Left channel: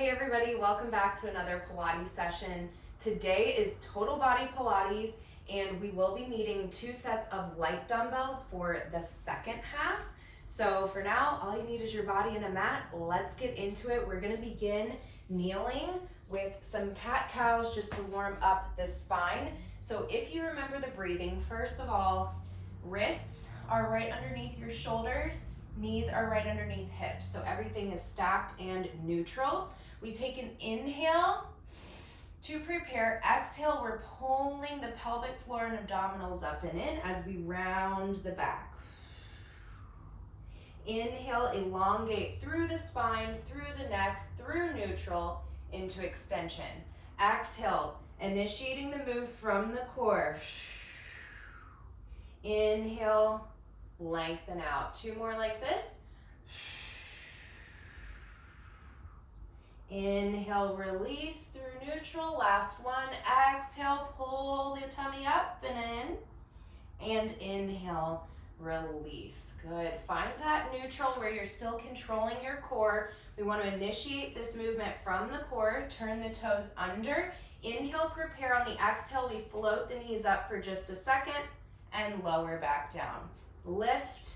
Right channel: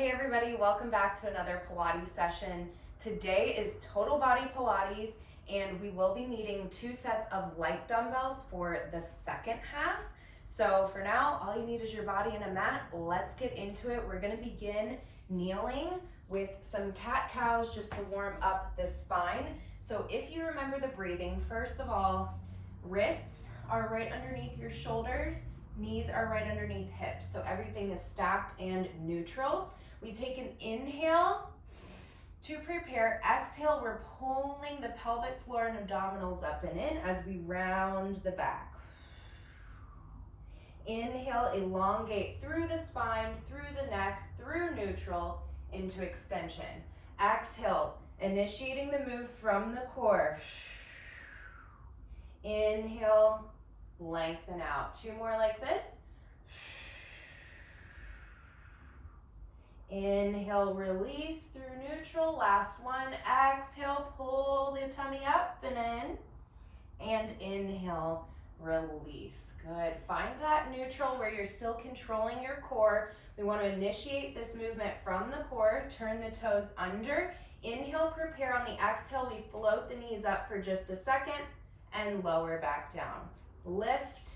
Hey everybody, welcome back to another Pilates session. Today is total body Pilates and we will be needing 2 sets of light dumbbells for the second half. So for now, all you need is your body and a mat. Let's get into it. We're gonna begin kneeling with some cat-cows just to warm up the spine. So if you remember the breathing, first of all, wrists are right underneath your shoulders, knees are right underneath hips. So everything is stacked and neutral. We take an inhale to prepare. Exhale, we're pulling the pelvic floor and abdominals up and in as we round the back. Inhale, elongate through the spine, through the neck, through neutral, into extension. Exhale, initiating the move from the core. Inhale, lengthen out. 2 more like this. Inhale, release through neutral. Last one. Exhale, pull the tummy up and in. And inhale, release. Good. Find that neutral where you're still controlling your core. We want to initiate this movement from the core. Turn the toes under. Inhale, prepare. On the exhale, we float the knees up for just a second and lower back down. Lift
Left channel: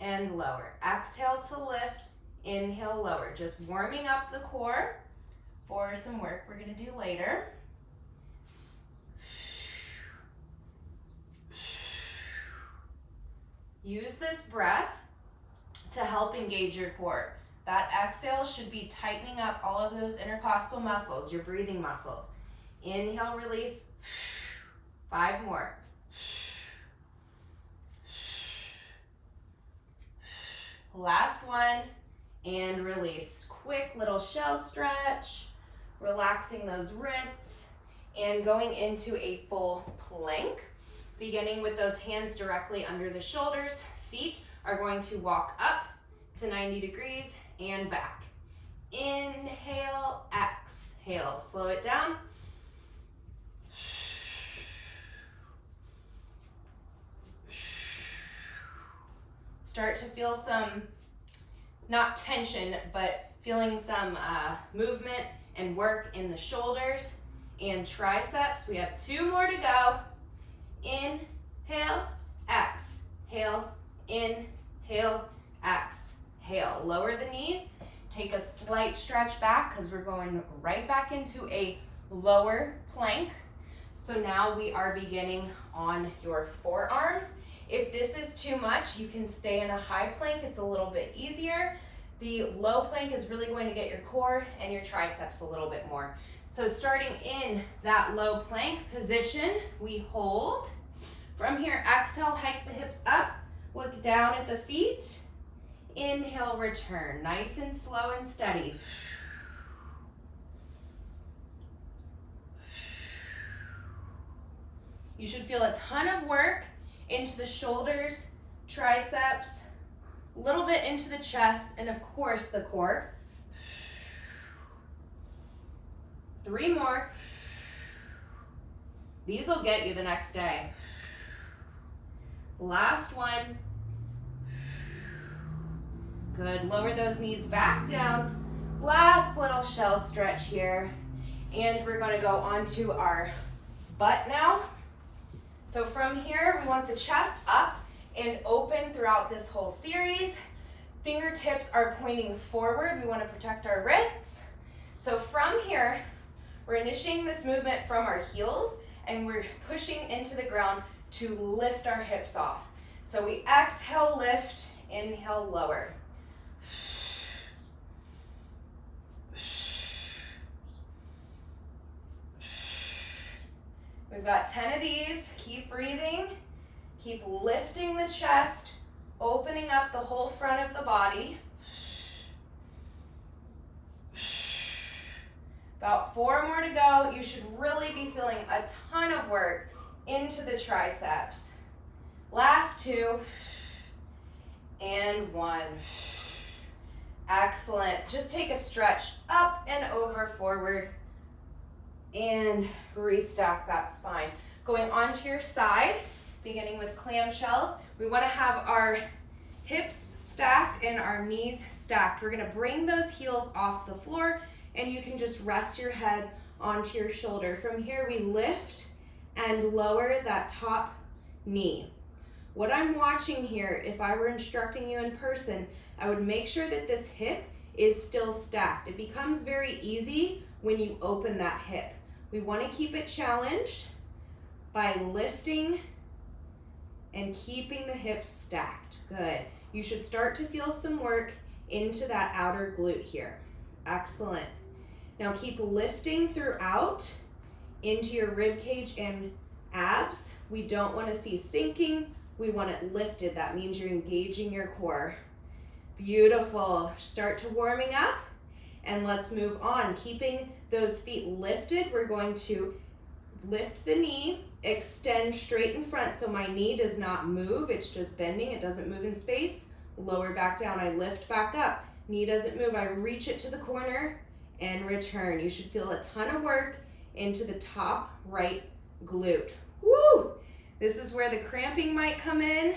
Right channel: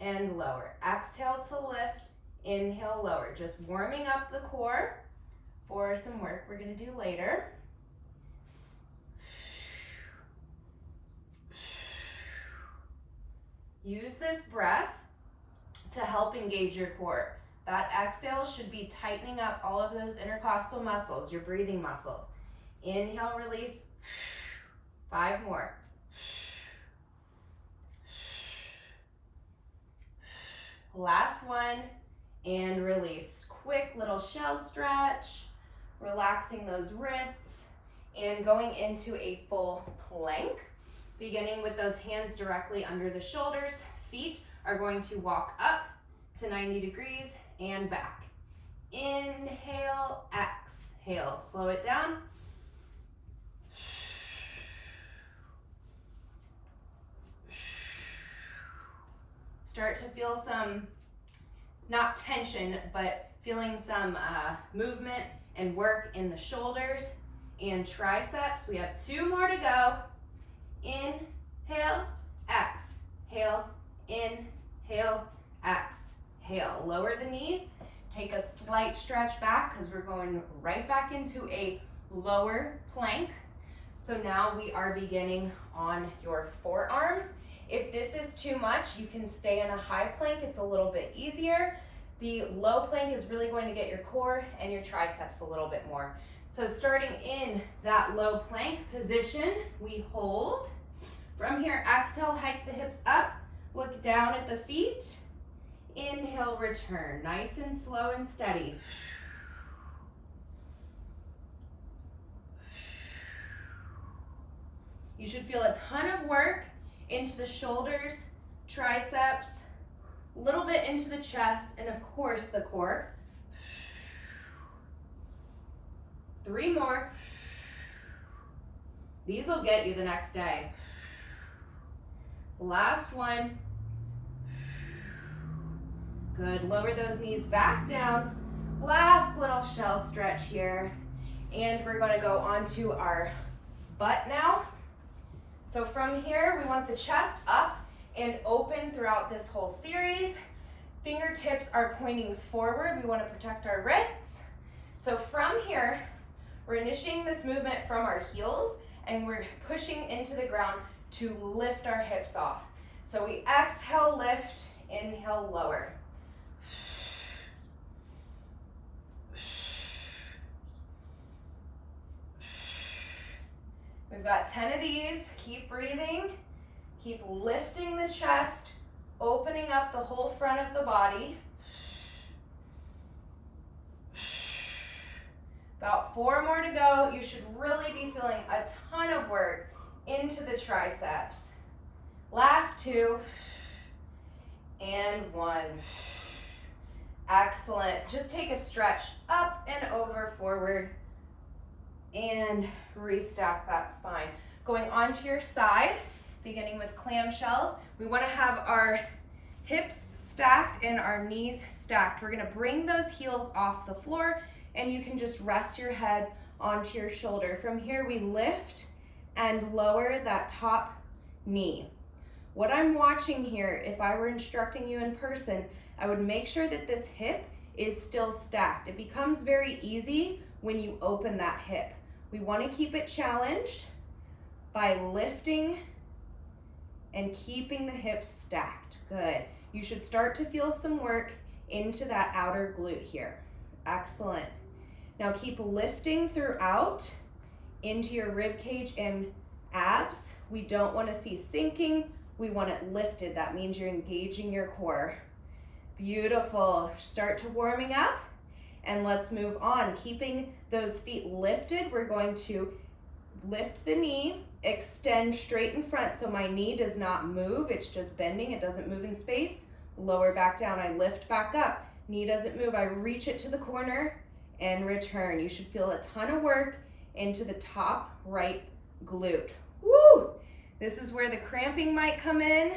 and lower. Exhale to lift. Inhale, lower. Just warming up the core for some work we're going to do later. Use this breath to help engage your core. That exhale should be tightening up all of those intercostal muscles, your breathing muscles. Inhale, release. 5 more. Last one. And release. Quick little shell stretch, relaxing those wrists, and going into a full plank, beginning with those hands directly under the shoulders. Feet are going to walk up to 90 degrees and back. Inhale, exhale. Slow it down. Start to feel some, not tension, but feeling some movement and work in the shoulders and triceps. We have 2 more to go. Inhale, exhale, inhale, exhale. Lower the knees. Take a slight stretch back because we're going right back into a lower plank. So now we are beginning on your forearms. If this is too much, you can stay in a high plank. It's a little bit easier. The low plank is really going to get your core and your triceps a little bit more. So starting in that low plank position, we hold. From here, exhale, hike the hips up. Look down at the feet. Inhale, return. Nice and slow and steady. You should feel a ton of work into the shoulders, triceps, a little bit into the chest, and of course the core. 3 more. These will get you the next day. Last one. Good. Lower those knees back down. Last little shell stretch here. And we're going to go onto our butt now. So from here, we want the chest up and open throughout this whole series. Fingertips are pointing forward. We want to protect our wrists. So from here, we're initiating this movement from our heels and we're pushing into the ground to lift our hips off. So we exhale, lift, inhale, lower. We've got 10 of these. Keep breathing. Keep lifting the chest, opening up the whole front of the body. About 4 more to go. You should really be feeling a ton of work into the triceps. Last 2 and 1. Excellent. Just take a stretch up and over, forward, and restack that spine. Going onto your side, beginning with clamshells, we want to have our hips stacked and our knees stacked. We're going to bring those heels off the floor, and you can just rest your head onto your shoulder. From here, we lift and lower that top knee. What I'm watching here, if I were instructing you in person, I would make sure that this hip is still stacked. It becomes very easy when you open that hip. We want to keep it challenged by lifting and keeping the hips stacked. Good. You should start to feel some work into that outer glute here. Excellent. Now keep lifting throughout into your rib cage and abs. We don't want to see sinking. We want it lifted. That means you're engaging your core. Beautiful. Start to warming up, and let's move on. Keeping those feet lifted, we're going to lift the knee, extend straight in front so my knee does not move. It's just bending. It doesn't move in space. Lower back down. I lift back up. Knee doesn't move. I reach it to the corner and return. You should feel a ton of work into the top right glute. Woo! This is where the cramping might come in.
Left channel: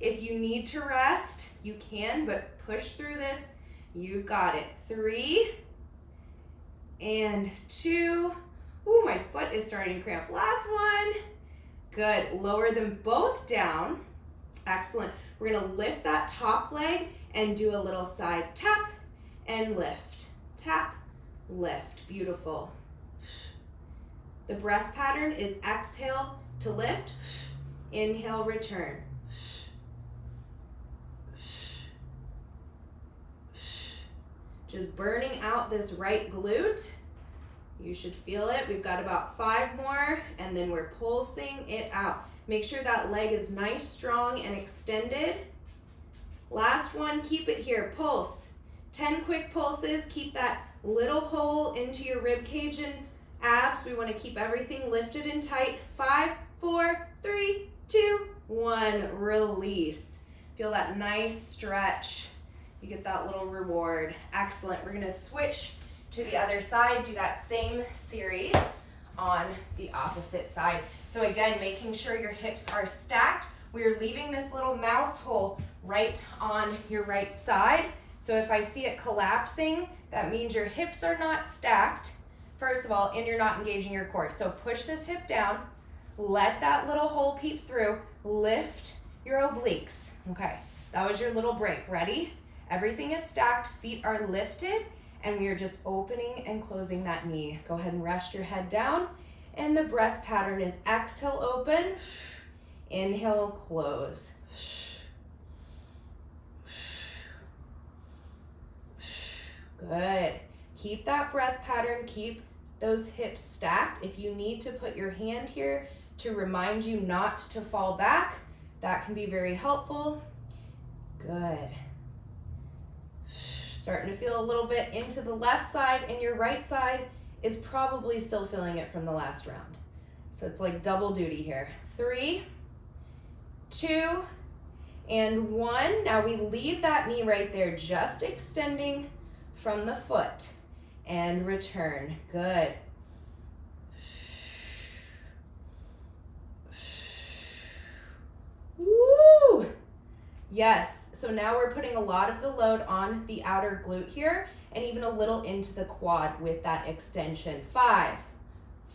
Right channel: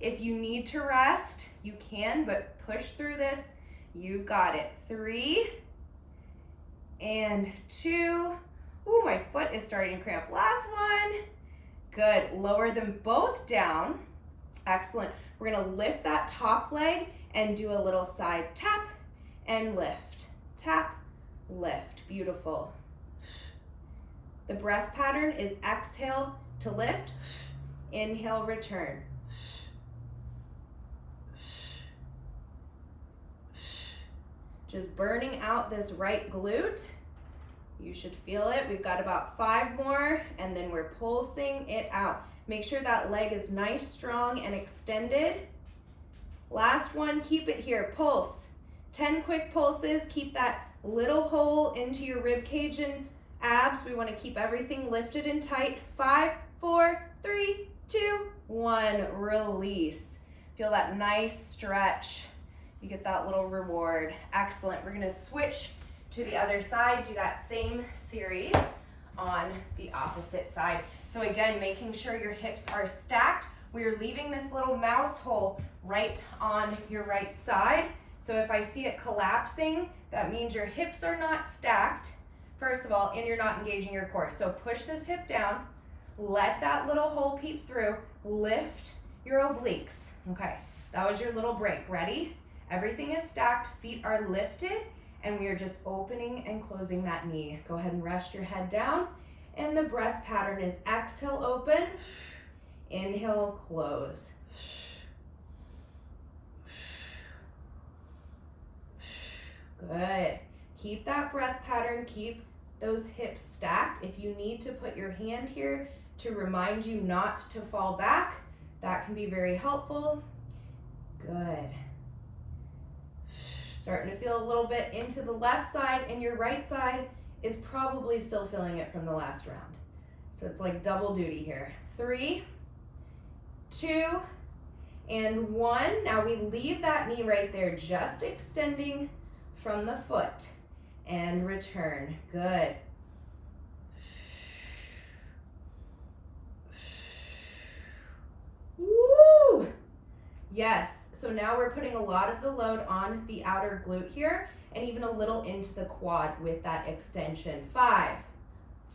If you need to rest, you can, but push through this. You've got it. 3 and 2. Ooh, my foot is starting to cramp. Last one. Good. Lower them both down. Excellent. We're gonna lift that top leg and do a little side tap and lift. Tap, lift. Beautiful. The breath pattern is exhale to lift, inhale, return. Just burning out this right glute. You should feel it. We've got about 5 more, and then we're pulsing it out. Make sure that leg is nice, strong, and extended. Last one, keep it here. Pulse. 10 quick pulses. Keep that little hole into your rib cage and abs. We want to keep everything lifted and tight. 5, 4, 3, 2, 1. Release. Feel that nice stretch. You get that little reward. Excellent. We're going to switch to the other side. Do that same series on the opposite side. So again, making sure your hips are stacked. We're leaving this little mouse hole right on your right side. So if I see it collapsing, that means your hips are not stacked, first of all, and you're not engaging your core. So push this hip down, let that little hole peep through, lift your obliques. Okay, that was your little break. Ready? Everything is stacked, feet are lifted, and we are just opening and closing that knee. Go ahead and rest your head down, and the breath pattern is exhale, open, inhale, close. Good. Keep that breath pattern, keep those hips stacked. If you need to put your hand here to remind you not to fall back, that can be very helpful. Good. Starting to feel a little bit into the left side, and your right side is probably still feeling it from the last round. So it's like double duty here. 3, 2, and 1. Now we leave that knee right there, just extending from the foot, and return. Good. Woo! Yes. So now we're putting a lot of the load on the outer glute here, and even a little into the quad with that extension. 5,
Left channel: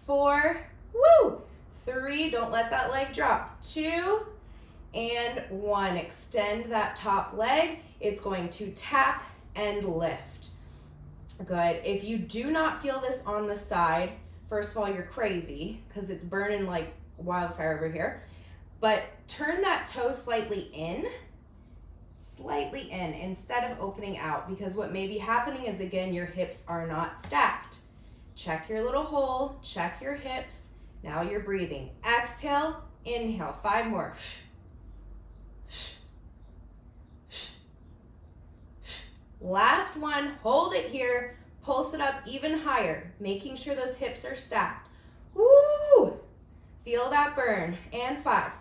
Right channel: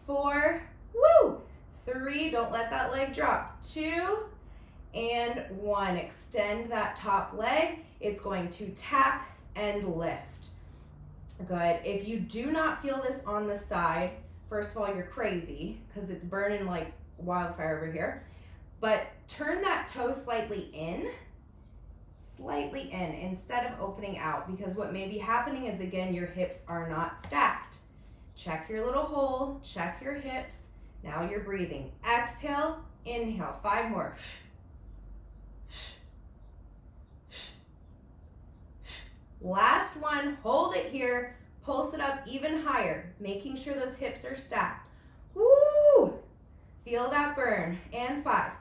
4, woo! 3, don't let that leg drop. 2, and 1. Extend that top leg. It's going to tap and lift. Good. If you do not feel this on the side, first of all, you're crazy because it's burning like wildfire over here. But turn that toe slightly in instead of opening out, because what may be happening is, again, your hips are not stacked. Check your little hole, check your hips. Now you're breathing. Exhale, inhale. 5 more. Last one, hold it here, pulse it up even higher, making sure those hips are stacked. Woo! Feel that burn. And 5,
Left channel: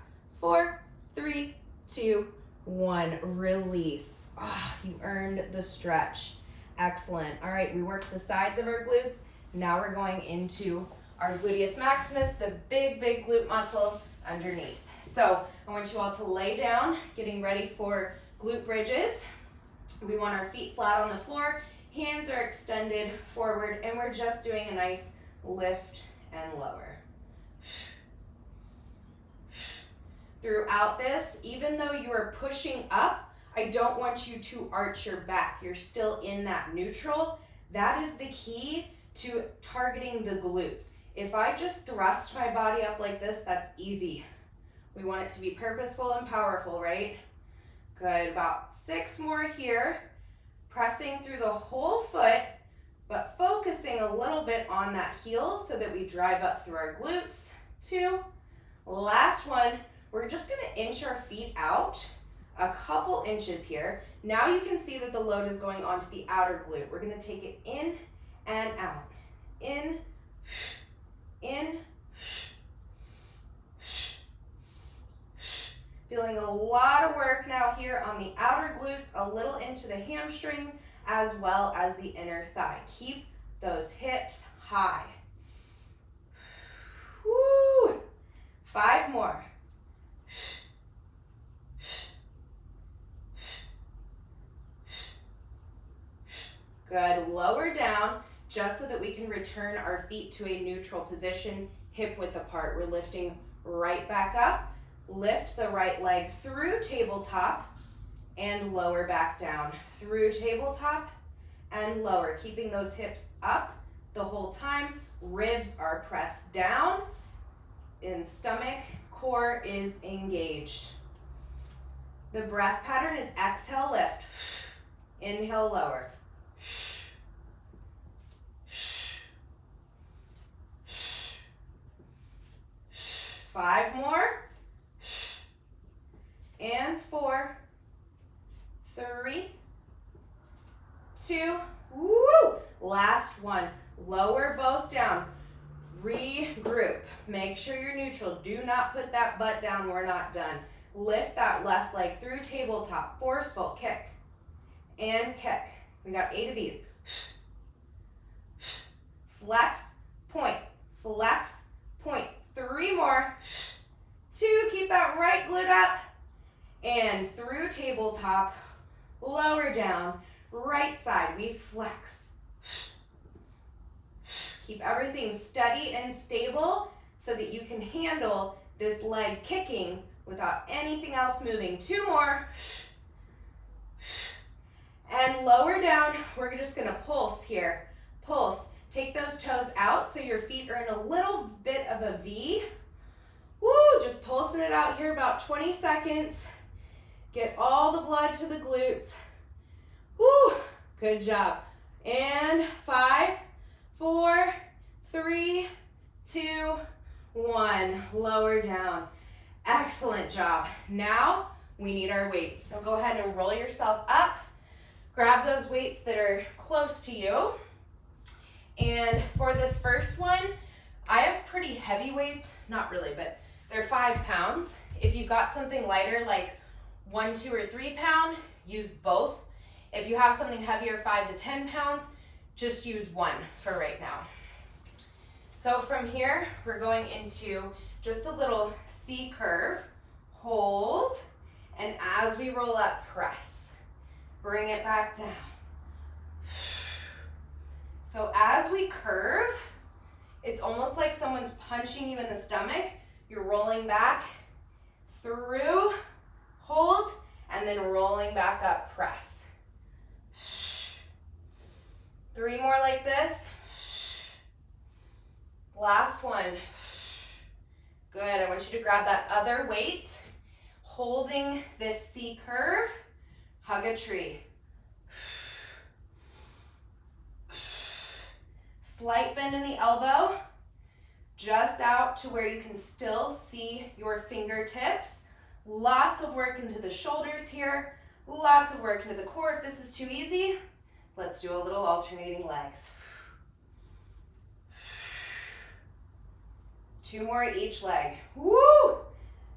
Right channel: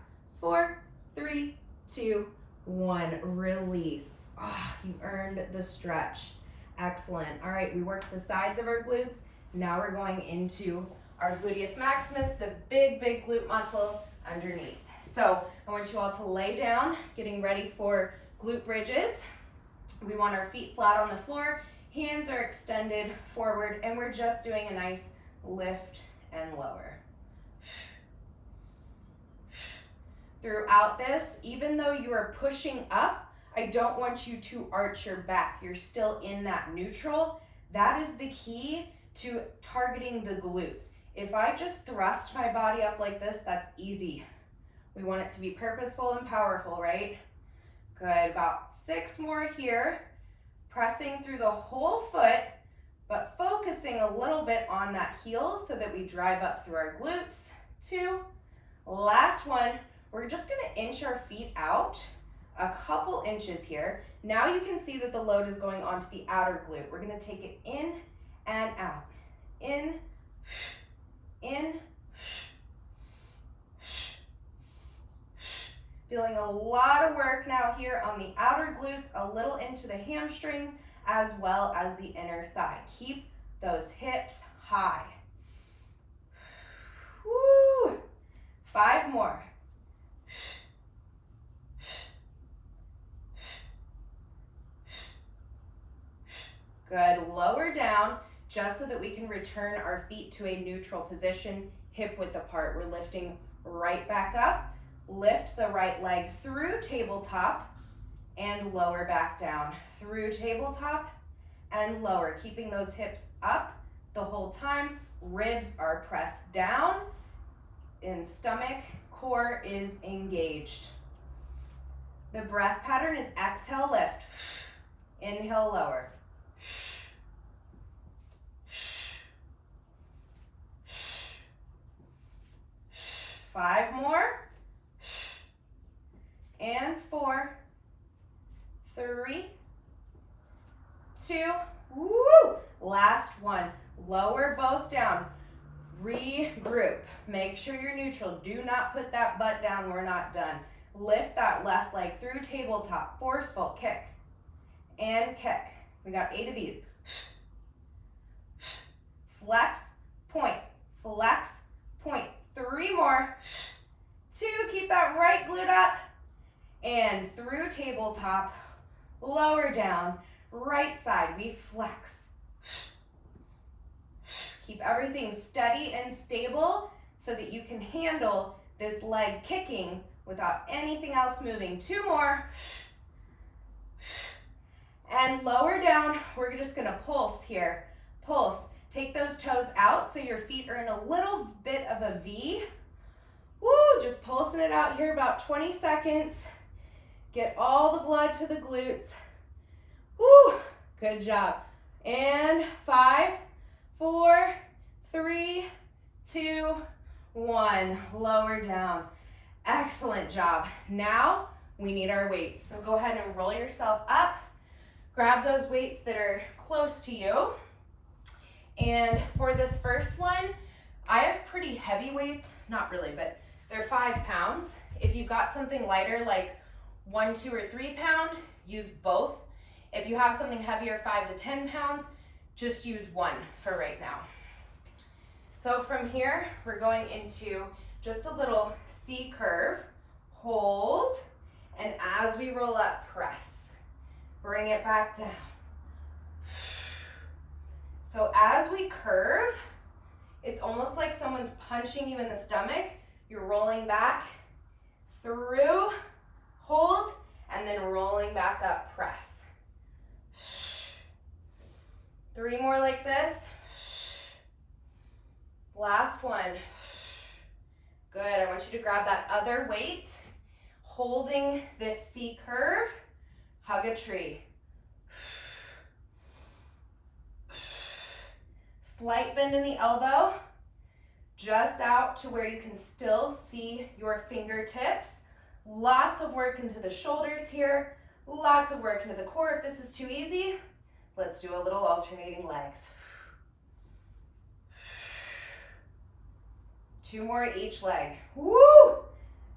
4, 3, 2, 1. Release. Ah, you earned the stretch. Excellent. All right, we worked the sides of our glutes. Now we're going into our gluteus maximus, the big glute muscle underneath. So I want you all to lay down, getting ready for glute bridges. We want our feet flat on the floor, Hands are extended forward, and we're just doing a nice lift and lower. Throughout this, even though you are pushing up, I don't want you to arch your back. You're still in that neutral. That is the key to targeting the glutes. If I just thrust my body up like this, that's easy. We want it to be purposeful and powerful, right? Good, about 6 more here. Pressing through the whole foot, but focusing a little bit on that heel so that we drive up through our glutes. 2. Last one, we're just gonna inch our feet out a couple inches here. Now you can see that the load is going onto the outer glute. We're gonna take it in and out. In, in. Feeling a lot of work now here on the outer glutes, a little into the hamstring, as well as the inner thigh. Keep those hips high. Woo! 5 more. Good, lower down, just so that we can return our feet to a neutral position, hip width apart. We're lifting right back up. Lift the right leg through tabletop and lower back down. Through tabletop and lower, keeping those hips up the whole time. Ribs are pressed down and stomach, core is engaged. The breath pattern is exhale, lift. Inhale, lower. 5 more. And 4, 3, 2, woo! Last one. Lower both down. Regroup. Make sure you're neutral. Do not put that butt down. We're not done. Lift that left leg through tabletop. Forceful kick and kick. We got 8 of these. Flex, point, flex, point. 3 more. 2, keep that right glute up. And through tabletop, lower down, right side, we flex. Keep everything steady and stable so that you can handle this leg kicking without anything else moving. 2 more. And lower down, we're just gonna pulse here. Pulse. Take those toes out so your feet are in a little bit of a V. Woo, just pulsing it out here about 20 seconds. Get all the blood to the glutes. Woo, good job. And 5, 4, 3, 2, 1. Lower down. Excellent job. Now we need our weights. So go ahead and roll yourself up. Grab those weights that are close to you. And for this first one, I have pretty heavy weights. Not really, but they're 5 pounds. If you've got something lighter like 1, 2, or 3 pound, use both. If you have something heavier, 5 to 10 pounds, just use 1 for right now. So from here, we're going into just a little C curve. Hold, and as we roll up, press. Bring it back down. So as we curve, it's almost like someone's punching you in the stomach. You're rolling back through, hold, and then rolling back up, press. 3 more like this. Last one. Good, I want you to grab that other weight, holding this C curve, hug a tree. Slight bend in the elbow, just out to where you can still see your fingertips. Lots of work into the shoulders here, lots of work into the core. If this is too easy, let's do a little alternating legs. 2 more each leg. Woo!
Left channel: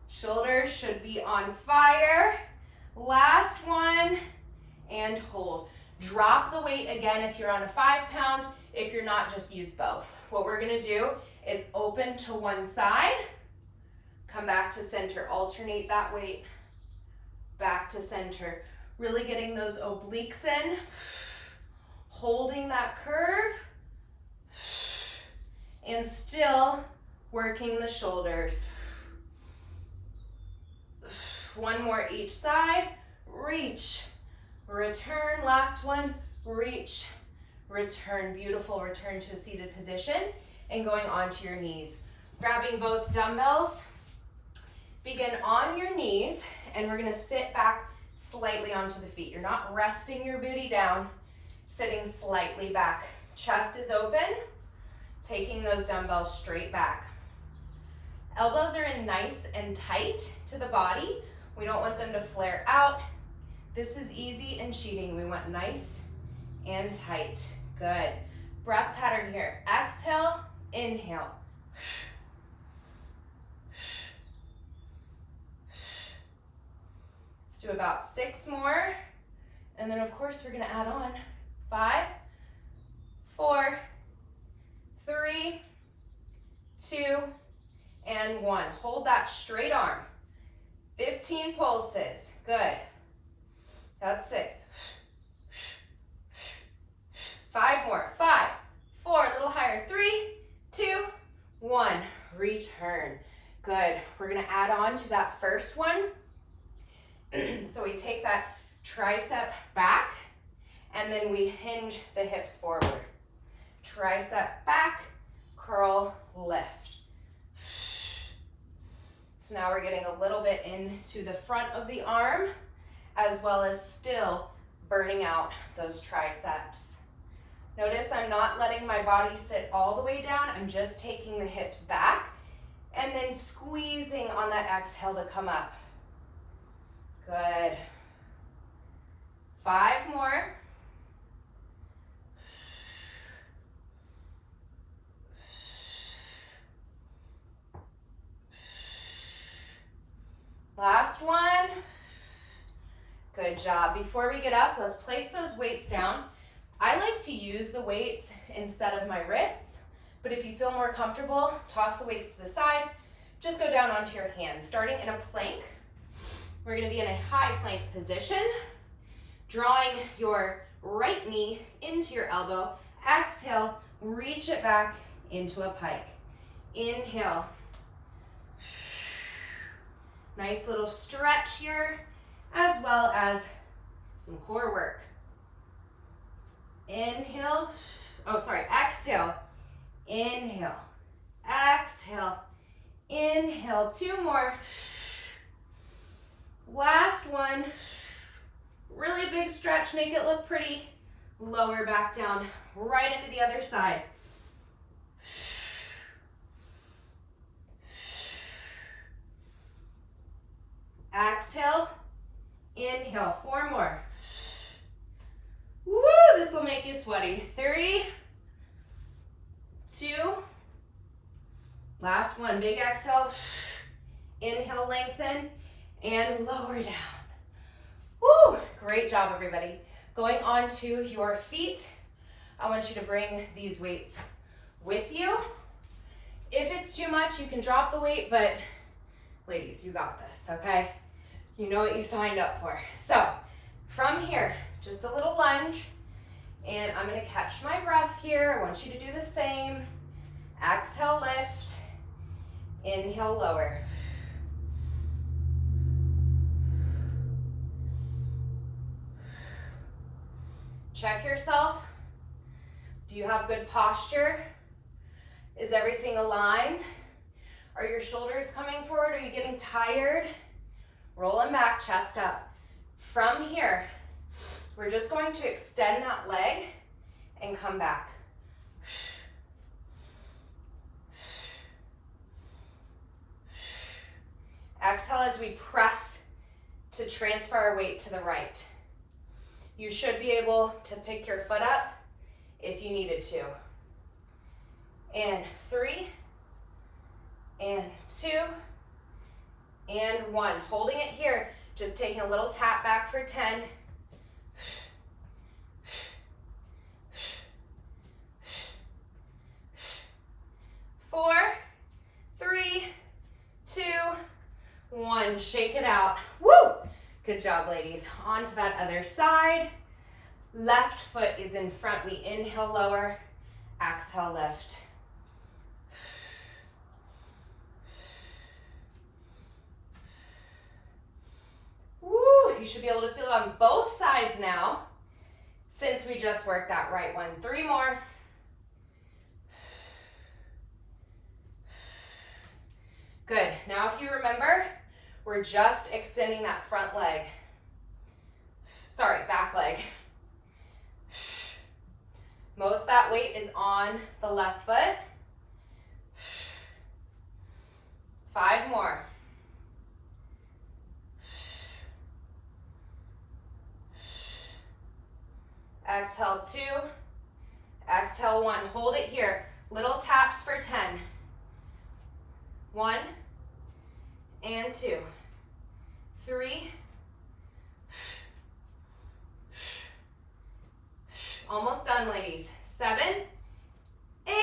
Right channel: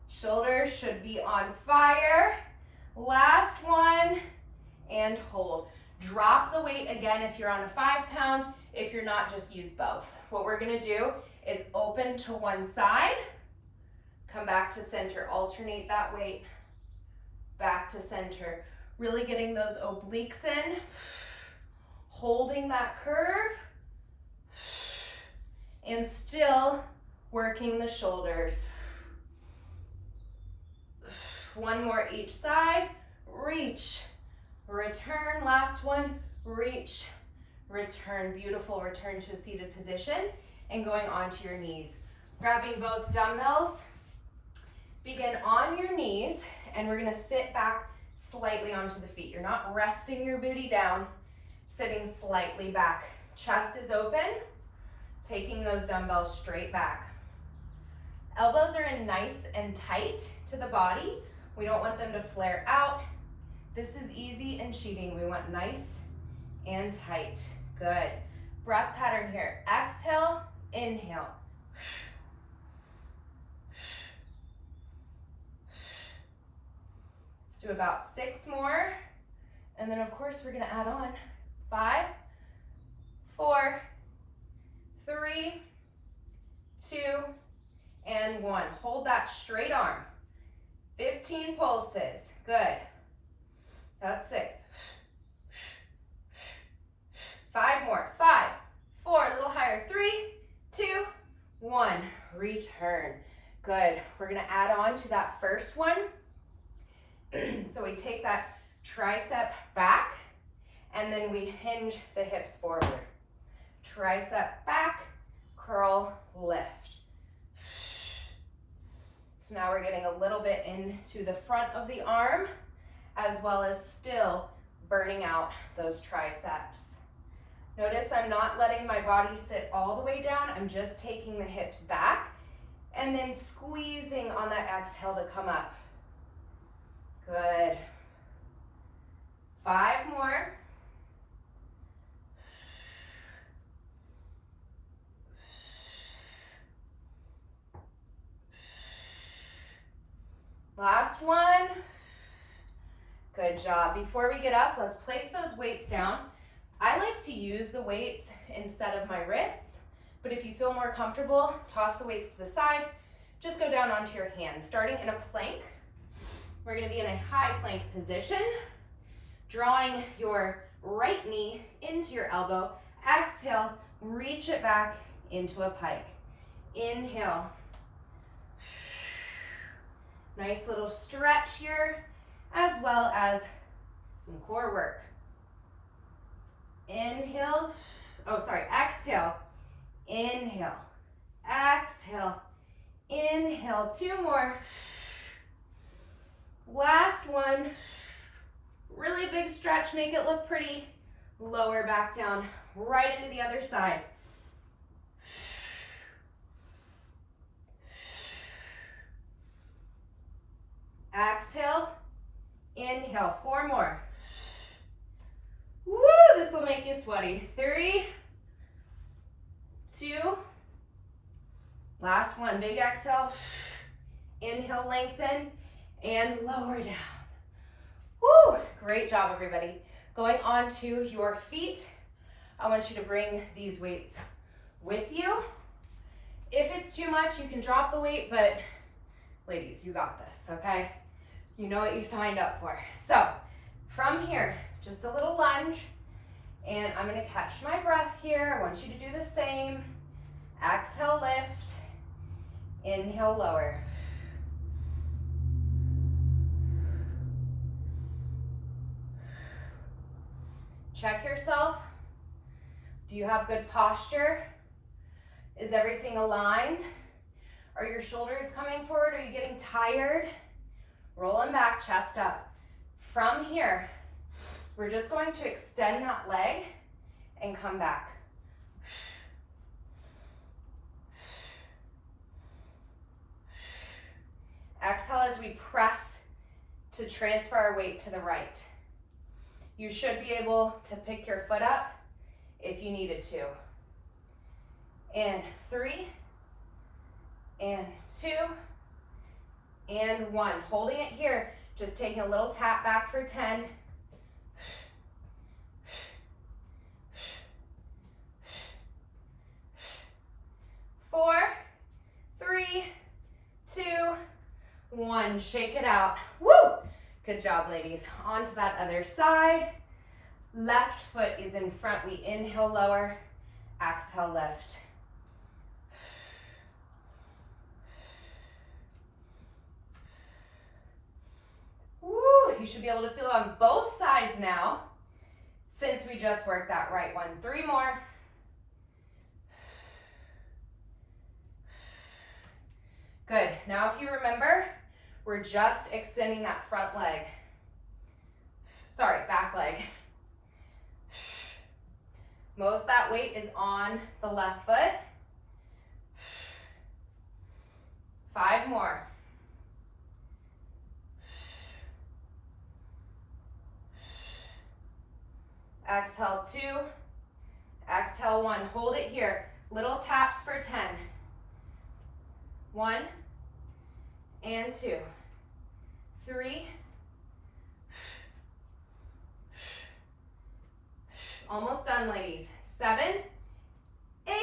Shoulders should be on fire. Last one, and hold. Drop the weight again if you're on a 5 pound. If you're not, just use both. What we're gonna do is open to one side, come back to center, alternate that weight, back to center. Really getting those obliques in. holding that curve and still working the shoulders. One more each side. Reach, return. Last one. Reach, return. Beautiful. Return to a seated position and going onto your knees. Grabbing both dumbbells. Begin on your knees, and we're gonna sit back slightly onto the feet. You're not resting your booty down, sitting slightly back. Chest is open, taking those dumbbells straight back. Elbows are in nice and tight to the body. We don't want them to flare out. This is easy and cheating. We want nice and tight. Good. Breath pattern here. Exhale, inhale. Let's do about 6 more. And then of course we're gonna add on 5, 4, 3, 2, and 1. Hold that straight arm. 15 pulses. Good. That's 6. 5 more. 5, 4, a little higher. 3, 2, 1. Return. Good. We're gonna add on to that first one. So we take that tricep back, and then we hinge the hips forward. Tricep back, curl, lift. So now we're getting a little bit into the front of the arm, as well as still burning out those triceps. Notice I'm not letting my body sit all the way down. I'm just taking the hips back and then squeezing on that exhale to come up. Good. 5 more. Last one. Good job. Before we get up, let's place those weights down. I like to use the weights instead of my wrists, but if you feel more comfortable, toss the weights to the side. Just go down onto your hands. Starting in a plank, we're gonna be in a high plank position, drawing your right knee into your elbow. Exhale, reach it back into a pike. Inhale. Nice little stretch here, as well as some core work. Inhale, exhale, inhale, exhale, inhale. 2 more. Last one. Really big stretch, make it look pretty. Lower back down, right into the other side. Exhale, inhale. 4 more. Woo, this will make you sweaty. 3, 2, last one. Big exhale. Inhale, lengthen, and lower down. Woo, great job, everybody. Going on to your feet, I want you to bring these weights with you. If it's too much, you can drop the weight, but ladies, you got this, okay? You know what you signed up for. So from here, just a little lunge, and I'm gonna catch my breath here. I want you to do the same. Exhale, lift. Inhale, lower. Check yourself. Do you have good posture? Is everything aligned? Are your shoulders coming forward? Are you getting tired? Rolling back, chest up. From here, we're just going to extend that leg and come back. Exhale as we press to transfer our weight to the right. You should be able to pick your foot up if you needed to. And 3, and 2, and 1. Holding it here, just taking a little tap back for 10. 4, 3, 2, 1. Shake it out. Woo! Good job, ladies. On to that other side. Left foot is in front. We inhale, lower. Exhale, lift. Woo! You should be able to feel it on both sides now, since we just worked that right one. 3 more. Good. Now if you remember, we're just extending that front leg. Sorry, back leg. Most of that weight is on the left foot. 5 more. Exhale 2. Exhale 1. Hold it here. Little taps for 10. 1 and 2. 3. Almost done, ladies. 7, 8,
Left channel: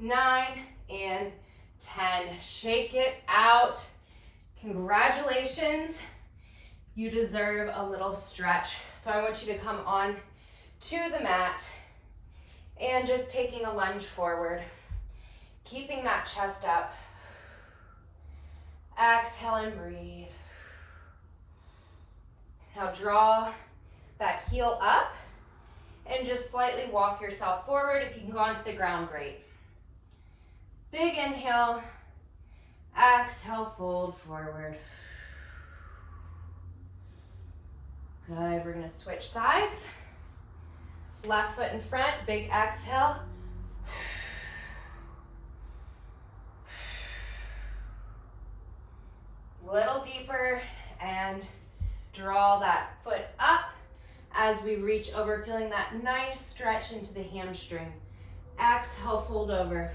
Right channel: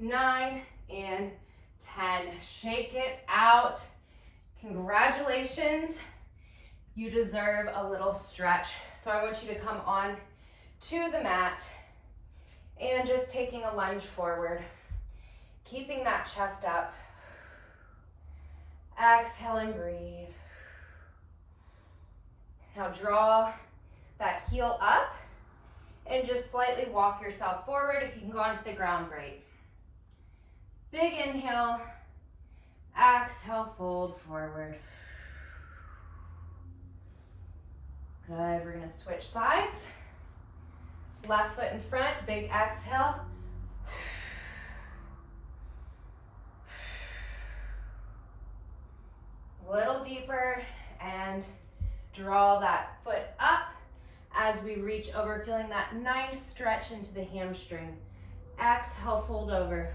9, and 10. Shake it out. Congratulations. You deserve a little stretch. So I want you to come on to the mat and just taking a lunge forward, keeping that chest up. Exhale and breathe. Now draw that heel up and just slightly walk yourself forward. If you can go onto the ground, great. Big inhale. Exhale, fold forward. Good, we're gonna switch sides. Left foot in front, big exhale. Little deeper and draw that foot up as we reach over, feeling that nice stretch into the hamstring. Exhale, fold over.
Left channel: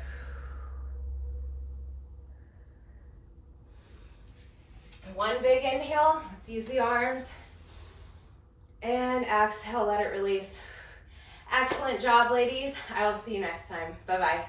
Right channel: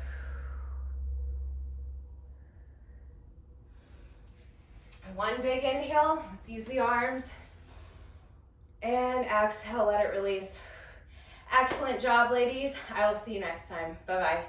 One big inhale, let's use the arms. And exhale, let it release. Excellent job, ladies. I will see you next time. Bye-bye.